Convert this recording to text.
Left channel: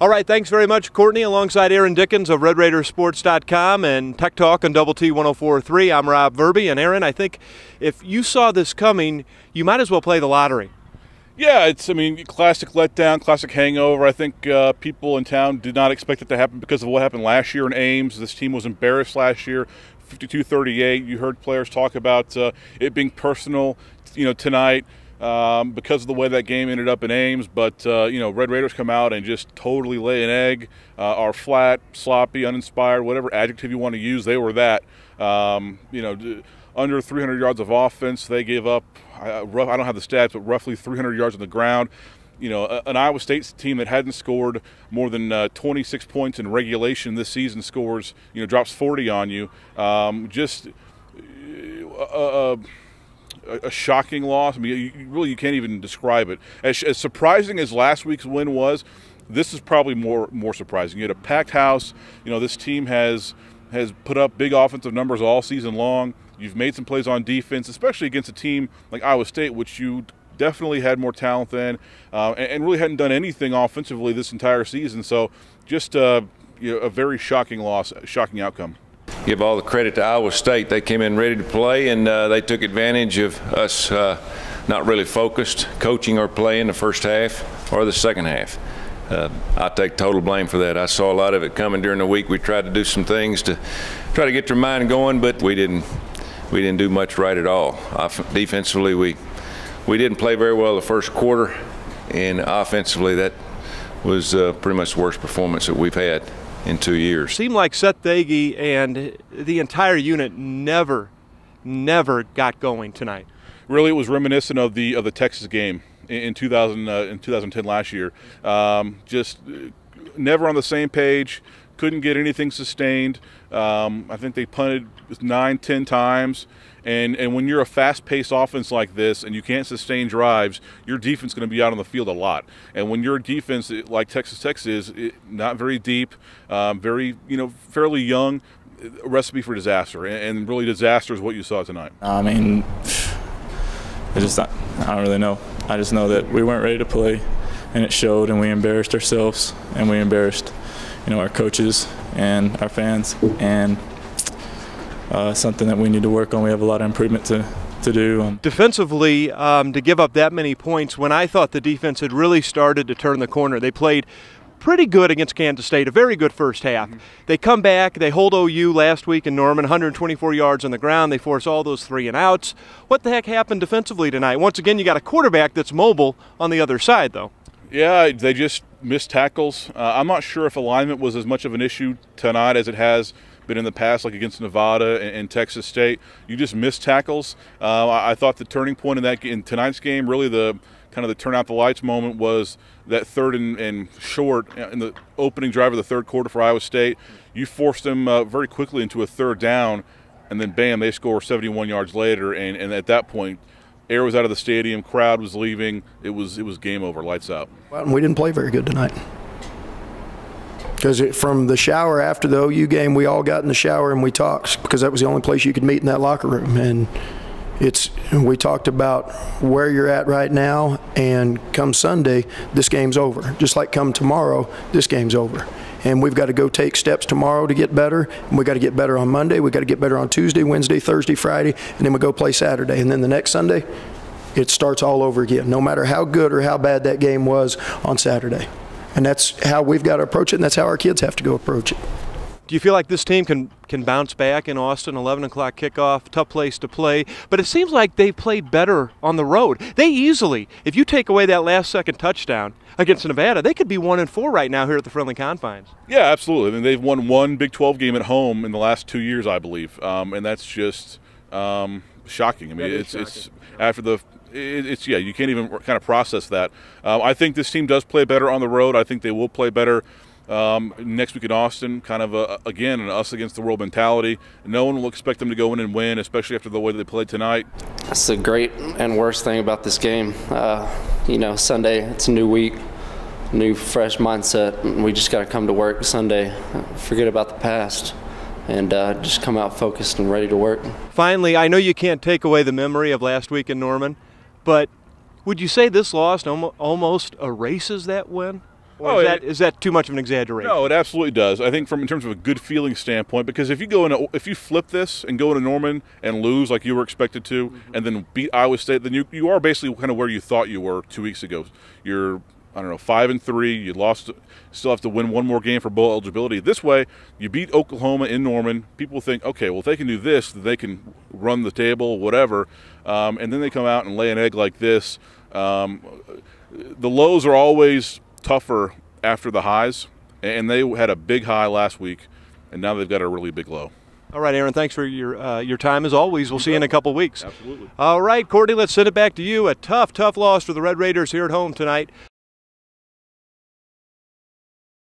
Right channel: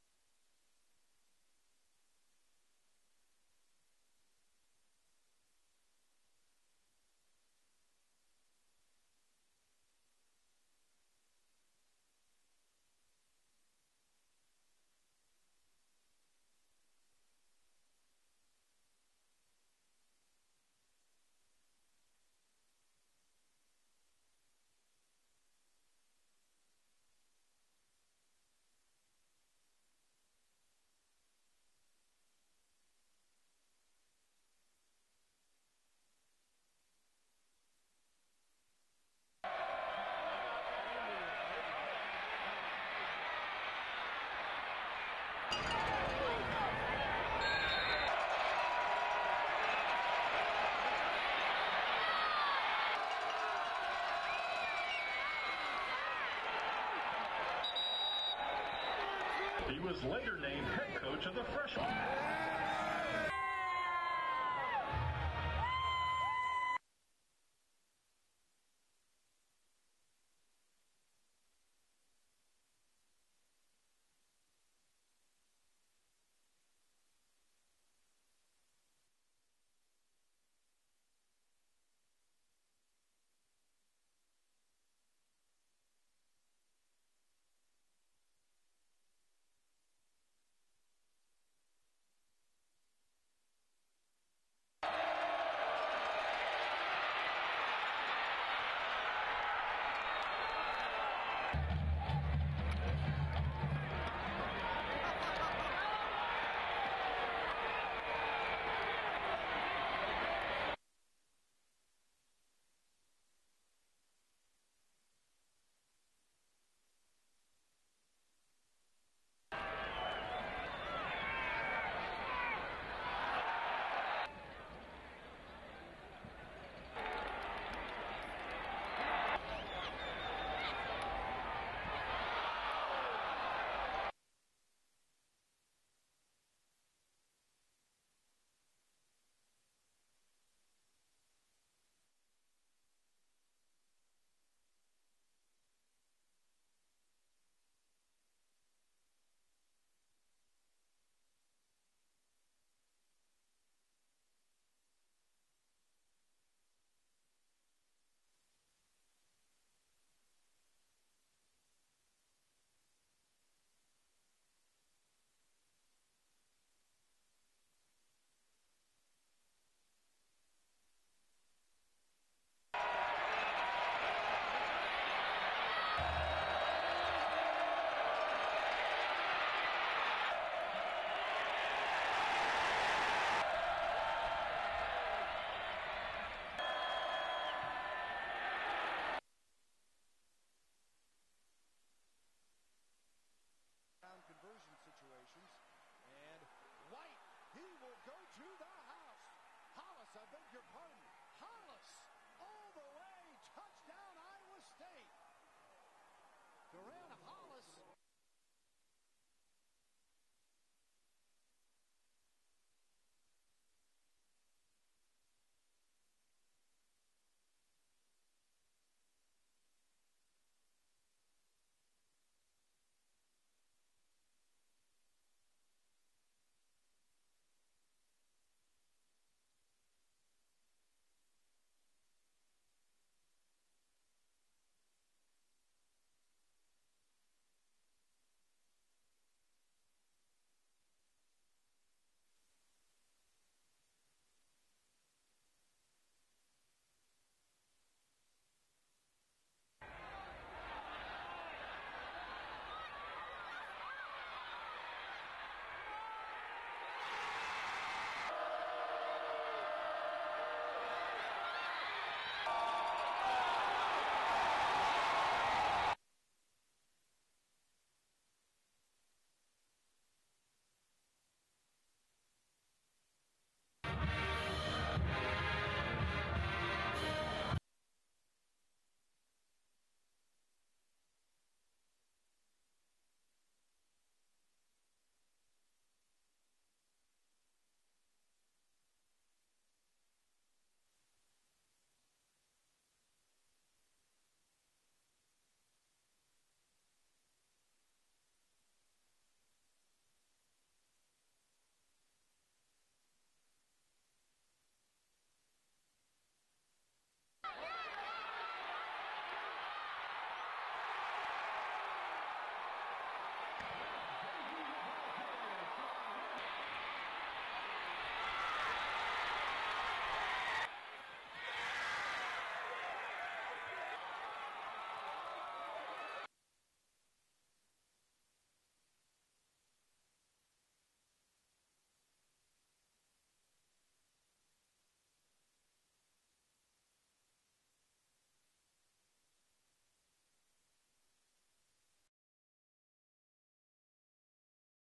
All right, thanks very much, Courtney, alongside Aaron Dickens of RedRaidersports.com and Tech Talk on Double T 104.3. I'm Rob Verby, and Aaron, I think if you saw this coming, you might as well play the lottery. Yeah, classic letdown, classic hangover. I think people in town did not expect it to happen because of what happened last year in Ames. This team was embarrassed last year, 52-38. You heard players talk about it being personal, tonight. Because of the way that game ended up in Ames, but Red Raiders come out and just totally lay an egg, are flat, sloppy, uninspired, whatever adjective you want to use, they were that. Under 300 yards of offense, they gave up, I don't have the stats, but roughly 300 yards on the ground. An Iowa State team that hadn't scored more than 26 points in regulation this season drops 40 on you. A shocking loss. You can't even describe it. As surprising as last week's win was, this is probably more surprising. You had a packed house. This team has put up big offensive numbers all season long. You've made some plays on defense, especially against a team like Iowa State, which you definitely had more talent than, and really hadn't done anything offensively this entire season. So just a very shocking loss, shocking outcome. Give all the credit to Iowa State. They came in ready to play, and they took advantage of us not really focused, coaching or playing the first half or the second half. I take total blame for that. I saw a lot of it coming during the week. We tried to do some things to try to get their mind going, but we didn't do much right at all. Defensively, we didn't play very well the first quarter, and offensively, that was pretty much the worst performance that we've had in 2 years. Seemed like Seth Dagey and the entire unit never got going tonight. Really, it was reminiscent of the Texas game in 2010 last year. Just never on the same page. Couldn't get anything sustained. I think they punted 9-10 times. And when you're a fast-paced offense like this and you can't sustain drives, your defense is going to be out on the field a lot. And when your defense, like Texas Tech is, not very deep, fairly young, a recipe for disaster. And really disaster is what you saw tonight. I don't really know. I just know that we weren't ready to play, and it showed, and we embarrassed ourselves, and we embarrassed, our coaches and our fans, and something that we need to work on. We have a lot of improvement to do. Defensively, to give up that many points when I thought the defense had really started to turn the corner. They played pretty good against Kansas State, a very good first half. They come back, they hold OU last week in Norman, 124 yards on the ground. They force all those 3 and outs. What the heck happened defensively tonight? Once again, you got a quarterback that's mobile on the other side, though. Yeah, they just missed tackles. I'm not sure if alignment was as much of an issue tonight as it has been in the past, like against Nevada and Texas State. You just missed tackles. I thought the turning point in tonight's game, really the turn out the lights moment, was that third and short in the opening drive of the third quarter for Iowa State. You forced them very quickly into a third down, and then bam, they score 71 yards later. And at that point, air was out of the stadium, crowd was leaving. It was game over, lights out. Well, we didn't play very good tonight. Because from the shower after the OU game, we all got in the shower and we talked, because that was the only place you could meet in that locker room. And we talked about where you're at right now, and come Sunday, this game's over. Just like come tomorrow, this game's over. And we've got to go take steps tomorrow to get better, and we've got to get better on Monday, we've got to get better on Tuesday, Wednesday, Thursday, Friday, and then we go play Saturday. And then the next Sunday, it starts all over again, no matter how good or how bad that game was on Saturday. And that's how we've got to approach it, and that's how our kids have to go approach it. Do you feel like this team can bounce back in Austin, 11 o'clock kickoff, tough place to play? But it seems like they played better on the road. They easily, if you take away that last-second touchdown against Nevada, they could be 1-4 right now here at the Friendly Confines. Yeah, absolutely. They've won one Big 12 game at home in the last 2 years, I believe. And that's just shocking. It's after the – you can't even kind of process that. I think this team does play better on the road. I think they will play better next week in Austin, kind of, again, an us against the world mentality. No one will expect them to go in and win, especially after the way they played tonight. That's the great and worst thing about this game. Sunday, it's a new week, new fresh mindset. We just got to come to work Sunday, forget about the past, and just come out focused and ready to work. Finally, I know you can't take away the memory of last week in Norman, but would you say this loss almost erases that win? Or is that too much of an exaggeration? No, it absolutely does. I think in terms of a good feeling standpoint, because if you flip this and go into Norman and lose like you were expected to, and then beat Iowa State, then you are basically kind of where you thought you were 2 weeks ago. You're 5-3. You lost. Still have to win one more game for bowl eligibility. This way, you beat Oklahoma in Norman. People think, okay, well, if they can do this, then they can run the table, whatever. And then they come out and lay an egg like this. The lows are always tougher after the highs, and they had a big high last week, and now they've got a really big low. All right, Aaron, thanks for your time as always. We'll see you in a couple weeks. Absolutely. All right, Courtney, let's send it back to you. A tough loss for the Red Raiders here at home tonight.